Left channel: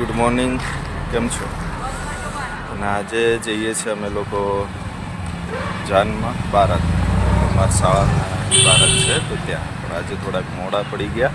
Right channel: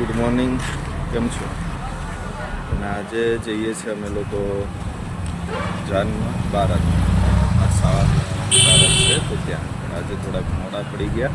Good morning, કેમ છો? અને આજે જઈએ છીએ અમે લોકો જાનમાં બારાત, અમારા શાળાના બારાત છે તો ત્યાં. પણ આજે થોડાક મોડા પડી ગયા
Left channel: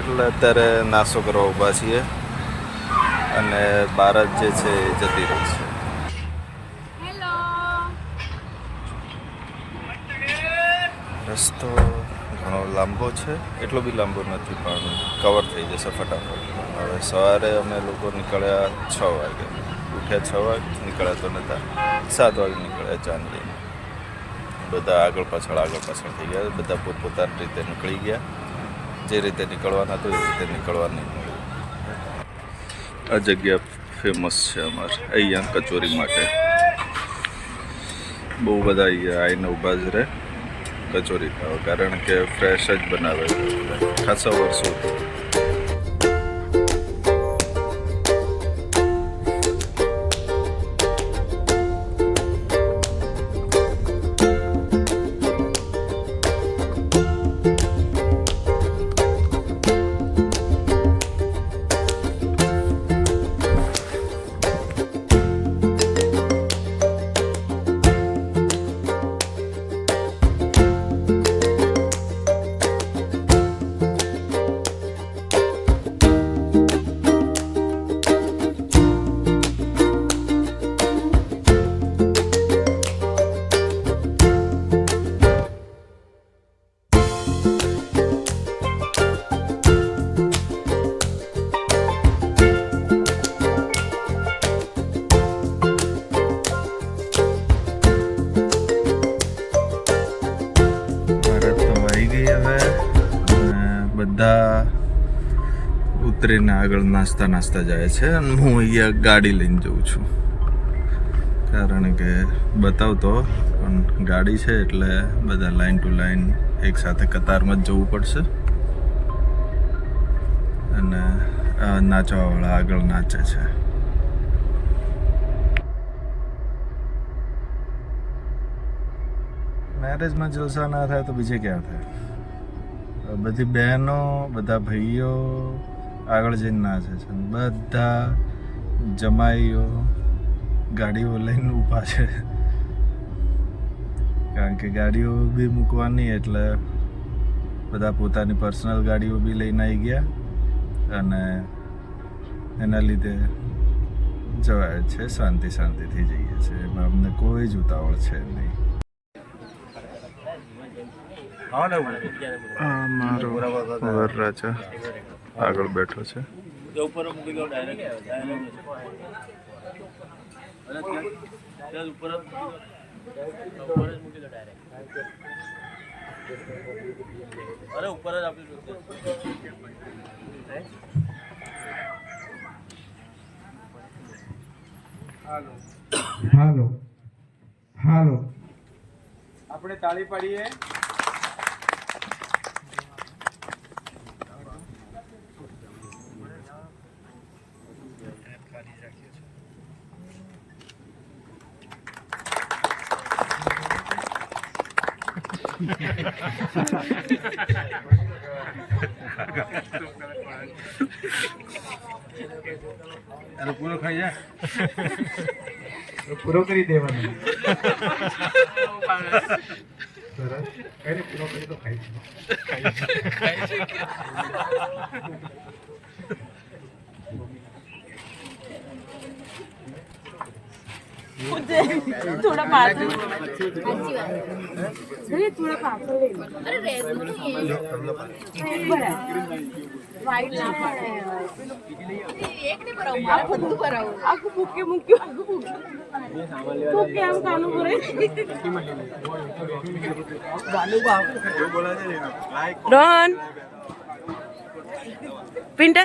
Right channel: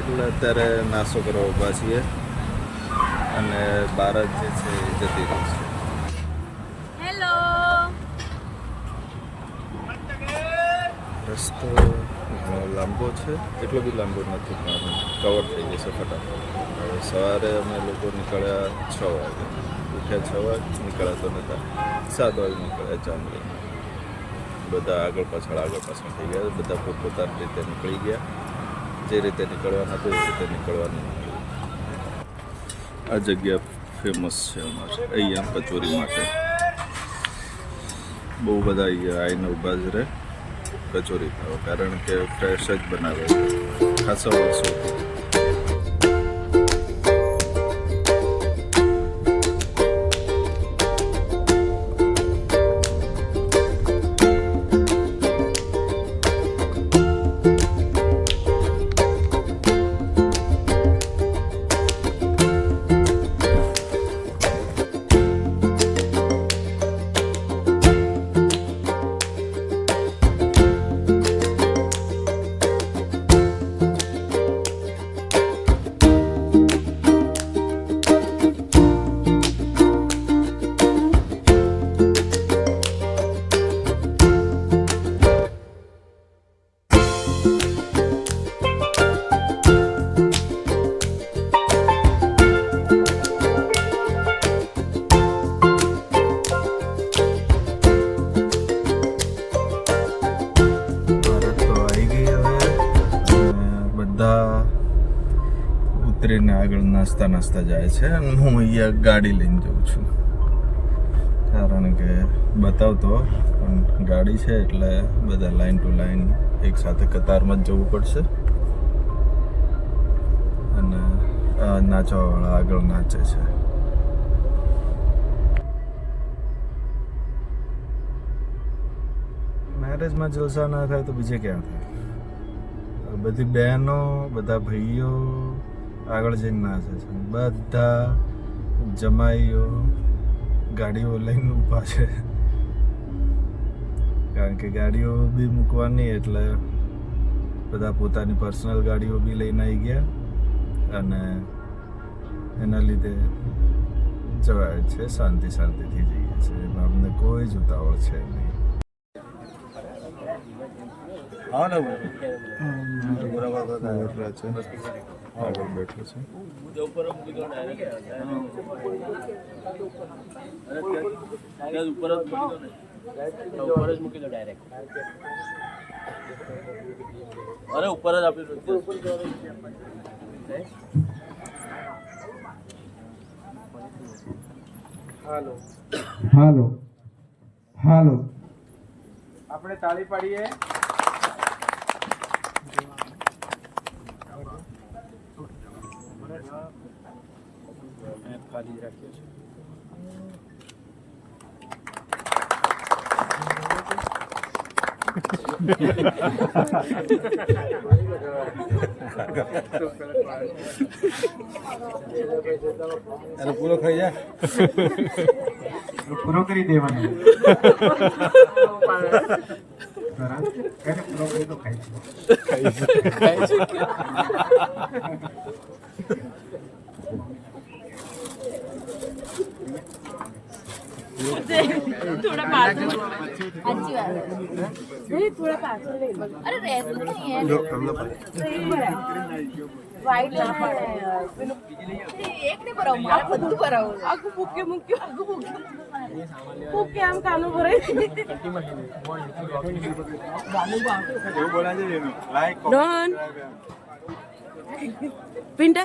એટલે અત્યારે નાસ્તો કરવા ઊભા છીએ અને બારાત જે છે એ જતી રહી છે. હેલો. રસ્તો ઘણો લાંબો છે, એટલો બી લાંબો નથી પણ કવર થઈ જશે ફટાફટ. હવે સવારે અમે લોકો નીકળ્યા 6 વાગે, ઉઠ્યા 6 વાગે, નીકળ્યા તો નહોતા 7 વાગે નીકળ્યા જાન લઈને. બધા આગળ પાછળ થઈ ગયા, બધા પોતપોતાની રીતે નીકળી ગયા. જે રીતે નીકળવાના હતું એ રીતે નીકળવા નહીં મળ્યું. આ જગ્યા ફેમસ છે અમારે અહીંયા કચોરી માટે. બહુ બધા અહીંયા આવીને ઊભા જ રહે કચોરી ખાવા, કારણ કે ફ્રેશ જ બનાવે છે ખાસા વર્ષોથી. બધા ઉતરીને આગળ નાસ્તા જાય છે અને હું અહીંયા ગાડી લઈને જઉં છું, કારણ કે બતાવતો પણ ગાડી છે એટલે બધા લાઈન ટુ લાઈન એક સાથે કતારમાં જ જવું પડશે. અને નાચવાવાળા આગળ નાચે છે. મેરેજમાં જલસા ના થાય તો બીજે ક્યાં થાય? બધી બહેનો, બધા ભાઈઓ આગળ જઈને નાચે છે, બધા જમાઈઓ ગાડીઓ લઈને ઊભા છે, કારણ કે ગાડીઓ બી મૂકવાની એટલે બધા પોતાની પર્સનલ ગાડીઓ બી લઈને આવી ગયા અને એના લીધે જવાય છે, શાંતિથી જઈએ છે. એમાં અમને કોઈ જ ઉતાવળ છે નહીં. મારો વરરાજા આગળ બેઠો છે. હાલો આપણે તાળી પાડીએ. ખાલી જ રાખ્યો છે. અરે પૂરો ખાઈ જા, પૂરો કરી દેવાનો. પૂરો કરી તો ખાઈ थोड़ा पाछળ थोड़ा पाछળ ले लो. अरे रेड नहीं है, वाइट है पेलो एक नहीं भराओ, आपको दूर भराओ, आपको फूके हम कानो भरे. रोहन, पिंटा,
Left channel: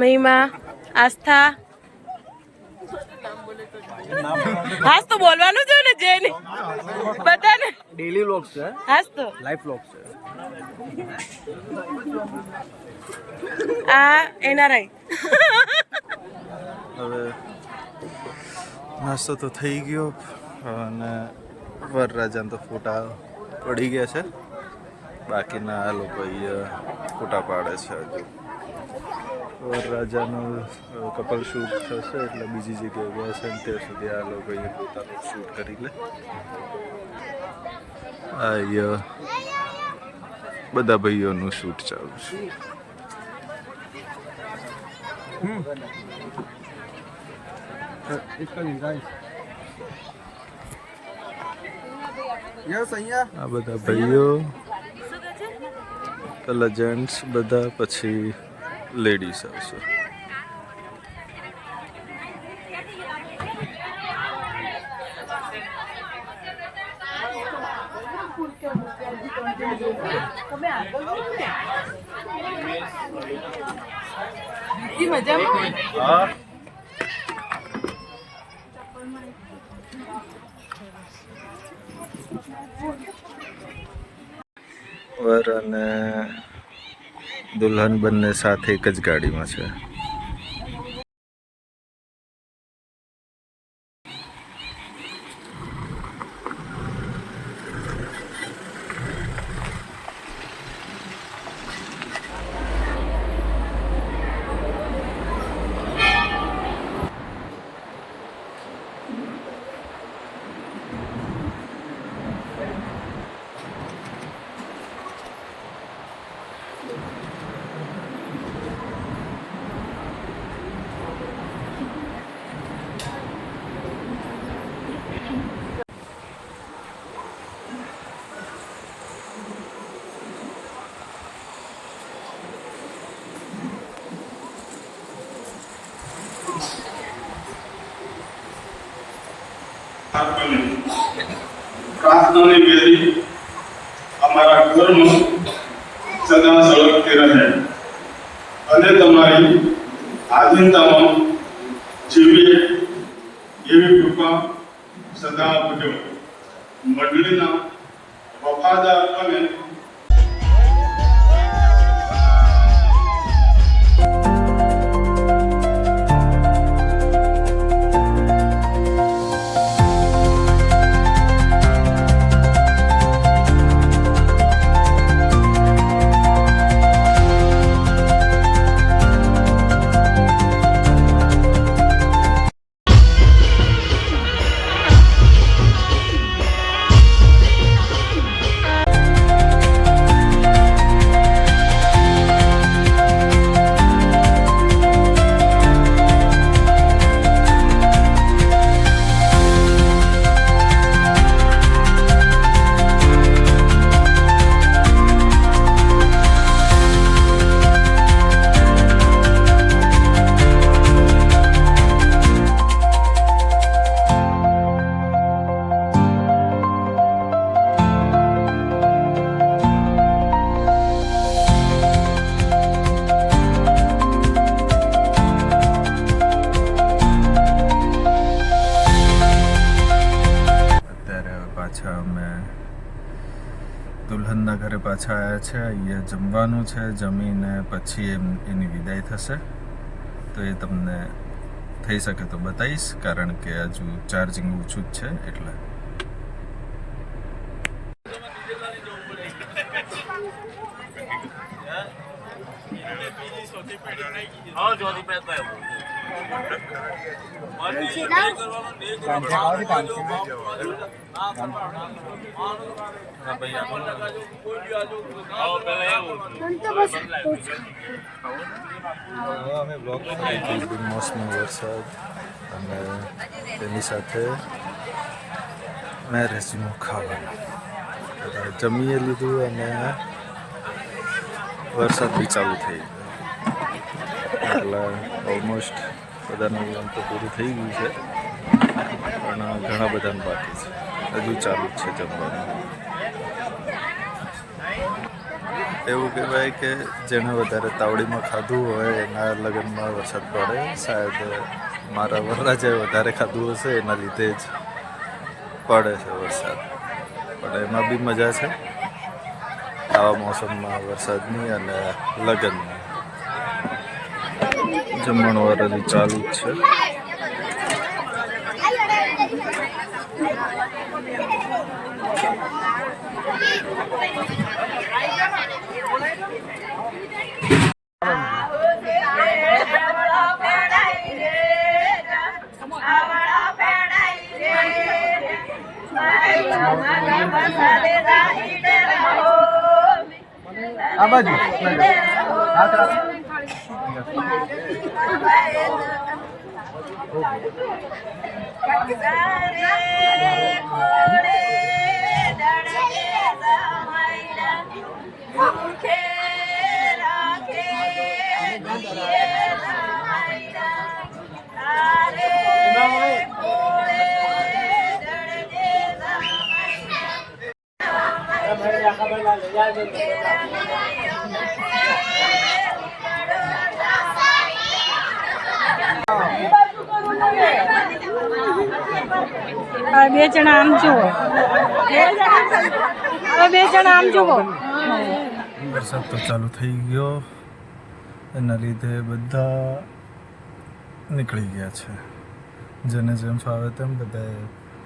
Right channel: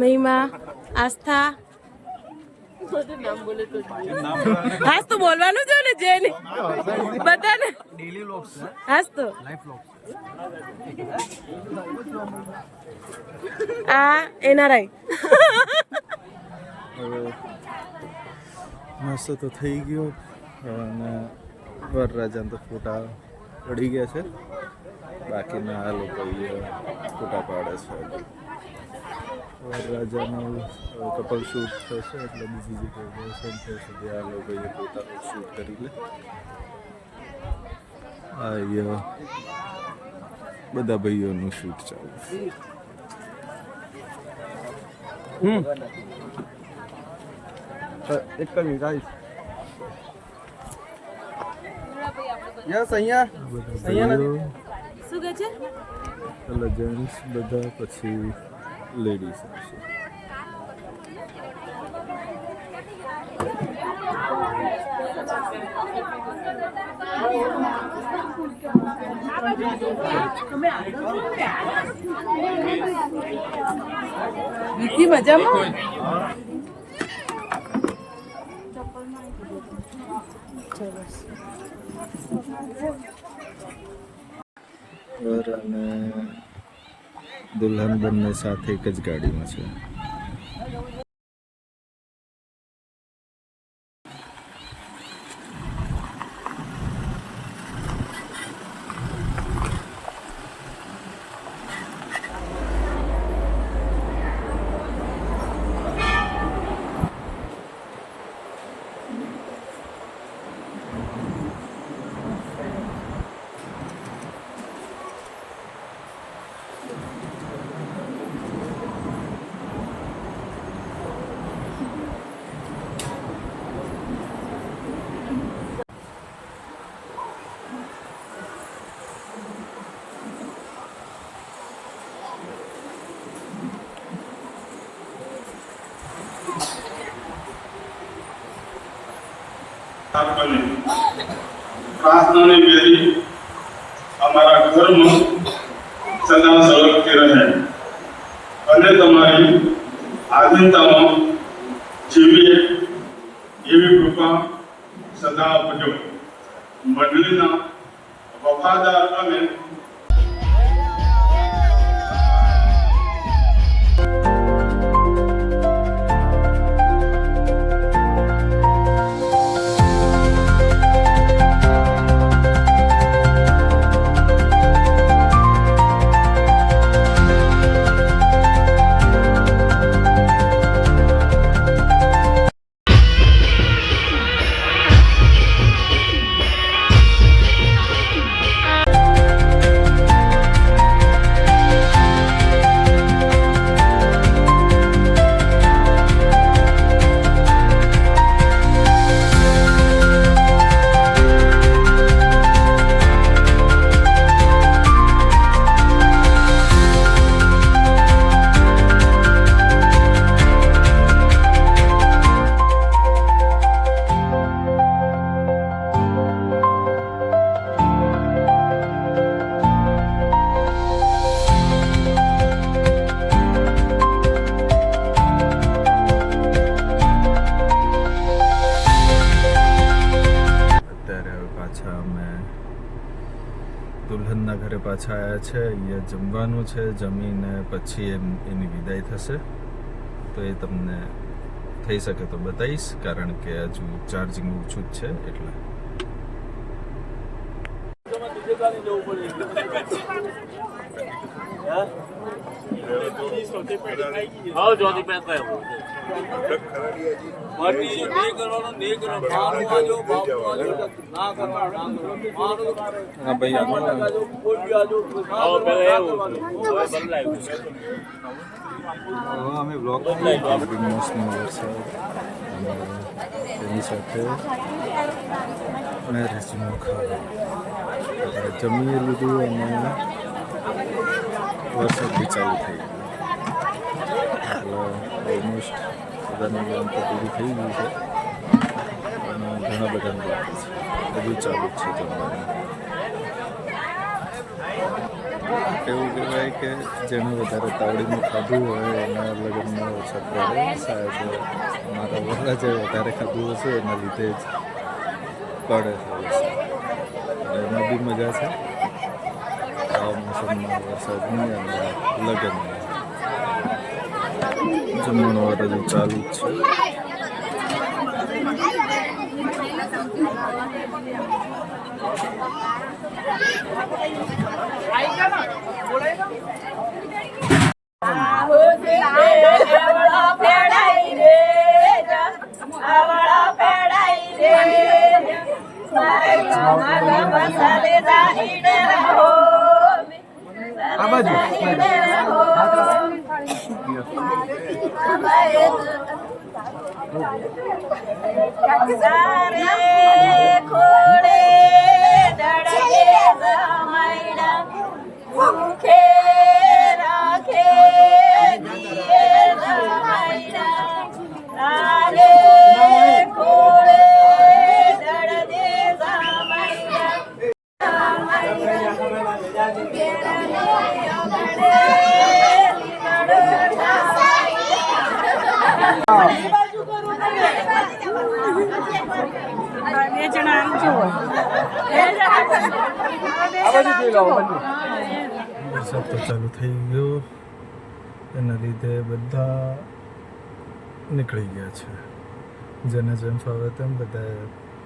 महिमा, आस्था. હાસ તો બોલવાનું છે ને, જેને બધાને ડેલી વ્લોગ છે, હાસ તો લાઈવ વ્લોગ છે. આ એનઆરઆઈ. હવે નાસ્તો તો થઈ ગયો અને વરરાજાને તો ફોટા પડી ગયા છે, બાકીના આ લોકો અહીંયા ફોટા પાડે છે. હજુ વરરાજાનો કપલ શૂટ થશે એટલે બીજી જગ્યાએ ગયા છે ને ત્યાં સુધી આ લોકોએ પોતાનું શૂટ કરી લે. આ બધા ભાઈઓનું શૂટ ચાલુ છે. આ બધા ભાઈઓ પેલા જેન્ટ્સ બધા પછી લેડીઝ આવશે. મજામાં વર અને દુલ્હન બંને સાથે એક જ ગાડીમાં છે. પ્રાર્થનાની વેદી અમારા ઘરમાં સદા સળગતી રહે અને તમારી આધીનતામાં જીવીએ એવી કૃપા સદા આપજો. મંડળીના વફાદાર અને દુલ્હનના ઘરે પાછા આવ્યા છે. અહીંયા જમવાનું છે. જમીને પછી એની વિદાય થશે. તો એ તમને થઈ શકે તો બતાવીશ, કારણ કે હજુ ચાર્જિંગ ઓછું જ છે એટલે. અમે બ્લોગ બિનમોસમી વરસાદ અને તેની સાથે મેરેજનું ખાવાનું જમીએ લીધું અને વરસાદ બી ચાલુ થઈ ગયો એટલે ઓલમોસ્ટ બધાનું એમ તો પૂરું થઈ ગયું છે, પણ ઘણા બધાનું બાકી છે. હજુ ચાલુ જ છે જમવાનું. એવું કહેવાય કે જેણે વધારે તાવડીમાં ખાધું હોય એના લગ્નમાં વરસાદ પડે. શાયદ મારા વરરાજાએ વધારે ખાધું હશે એના લીધે જ પડે છે વરસાદ. પણ એમાં બી મજા છે આવા મોસમમાં વરસાદની અને લગ્નની. જમણવાર હજુ ચાલુ જ છે. આ બાજુ બે જણા આમ જુઓ, બે જણા આમ જુઓ. વરસાદ તો ચાલુ થઈ ગયો, એના લીધે બધા નીકળી ગયા છે. જેને જેમ ફાવે તેમ બધા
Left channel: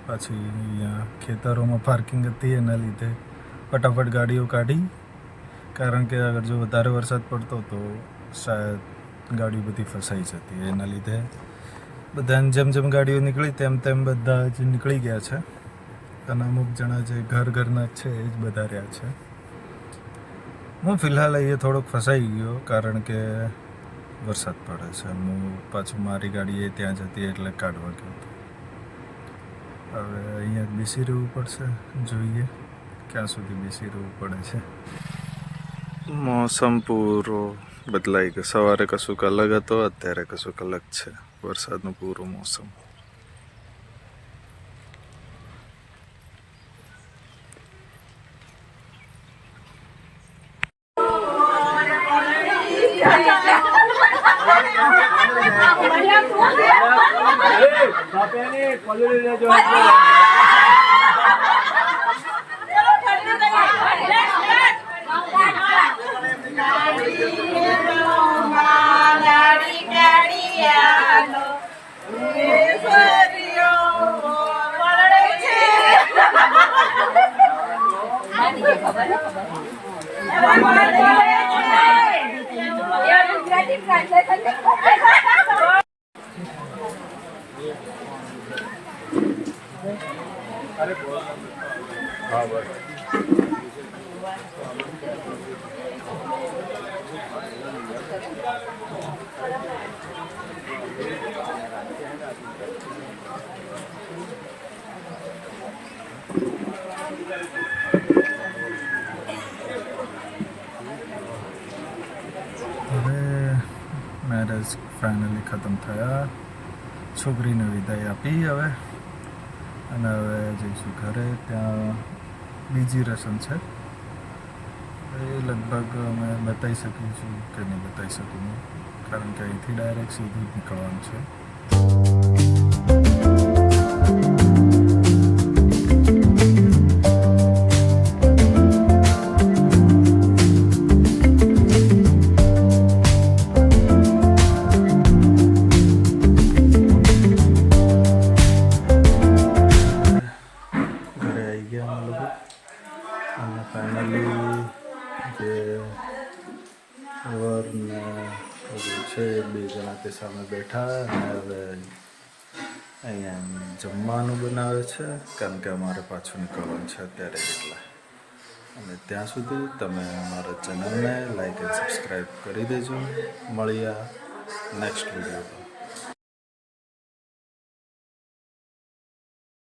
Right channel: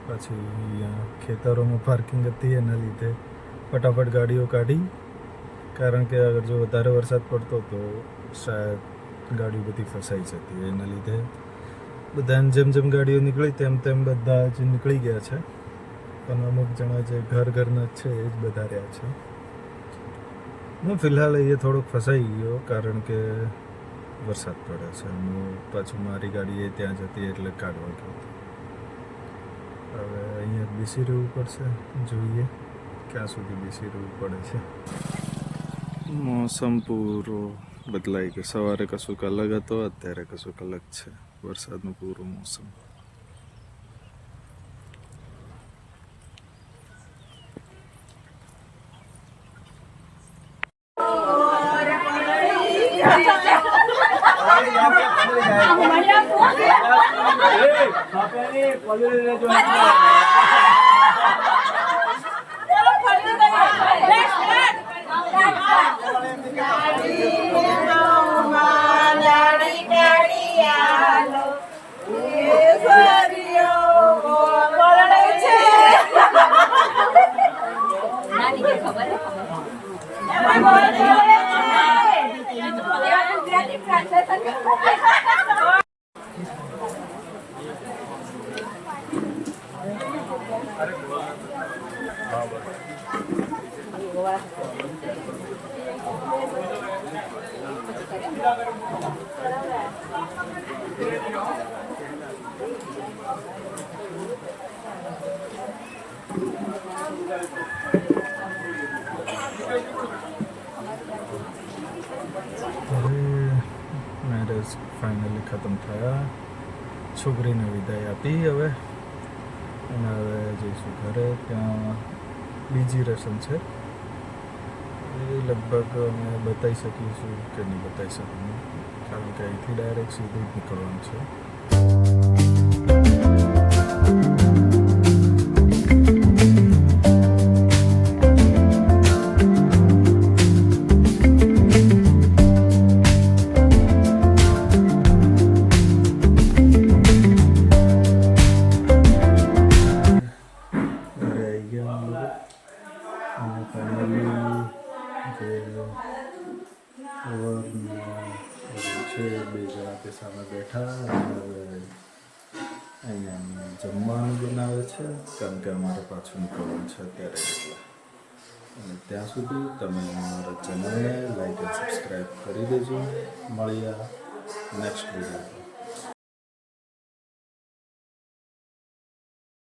પાછી અહીંયા ખેતરોમાં પાર્કિંગ હતી, એના લીધે ફટાફટ ગાડીઓ કાઢી. કારણ કે અગર જો વધારે વરસાદ પડતો તો શાયદ ગાડીઓ બધી ફસાઈ જતી. એના લીધે બધાને જેમ જેમ ગાડીઓ નીકળી તેમ તેમ બધા જ નીકળી ગયા છે. અને અમુક જણા જે ઘરના જ છે એ જ બધા રહ્યા છે. હું ફિલહાલ અહીંયા થોડોક ફસાઈ ગયો, કારણ કે વરસાદ પડે છે. હું પાછું મારી ગાડી એ ત્યાં જતી એટલે કાઢવા ગયો હતો. હવે અહીંયા જ બેસી રહેવું પડશે, જોઈએ ક્યાં સુધી બેસી રહેવું પડે છે. મોસમ પૂરો બદલાઈ ગયો. સવારે કશુંક અલગ હતો, અત્યારે કશુંક અલગ છે. વરસાદનું પૂરું મોસમ. હવે મેરેજ ફાઇનલી ખતમ થયા. છોકરીને વિદાય આપી હવે, અને હવે જઈશું ઘરે. ત્યાં બીજી રસમ છે, એ લગભગ અમે બતાવી શકીશું કે નહીં બતાવી શકું, કારણ કે અહીંથી ડાયરેક્ટ સીધું જ નીકળવાનું છે. અને ફાઇનલી જે વર છે બે જણા તે સામે બેઠા, અને હવે અહીંયા જમવાનું બનાવે છે, કારણ કે અમારે પાછું નીકળવાનું છે અત્યારે એટલે. અને ત્યાં સુધી તમે અમારા ચેનલને લાઈક એન્ડ સબસ્ક્રાઈબ કરી દેજો. મળીએ નેક્સ્ટ વિડીયો.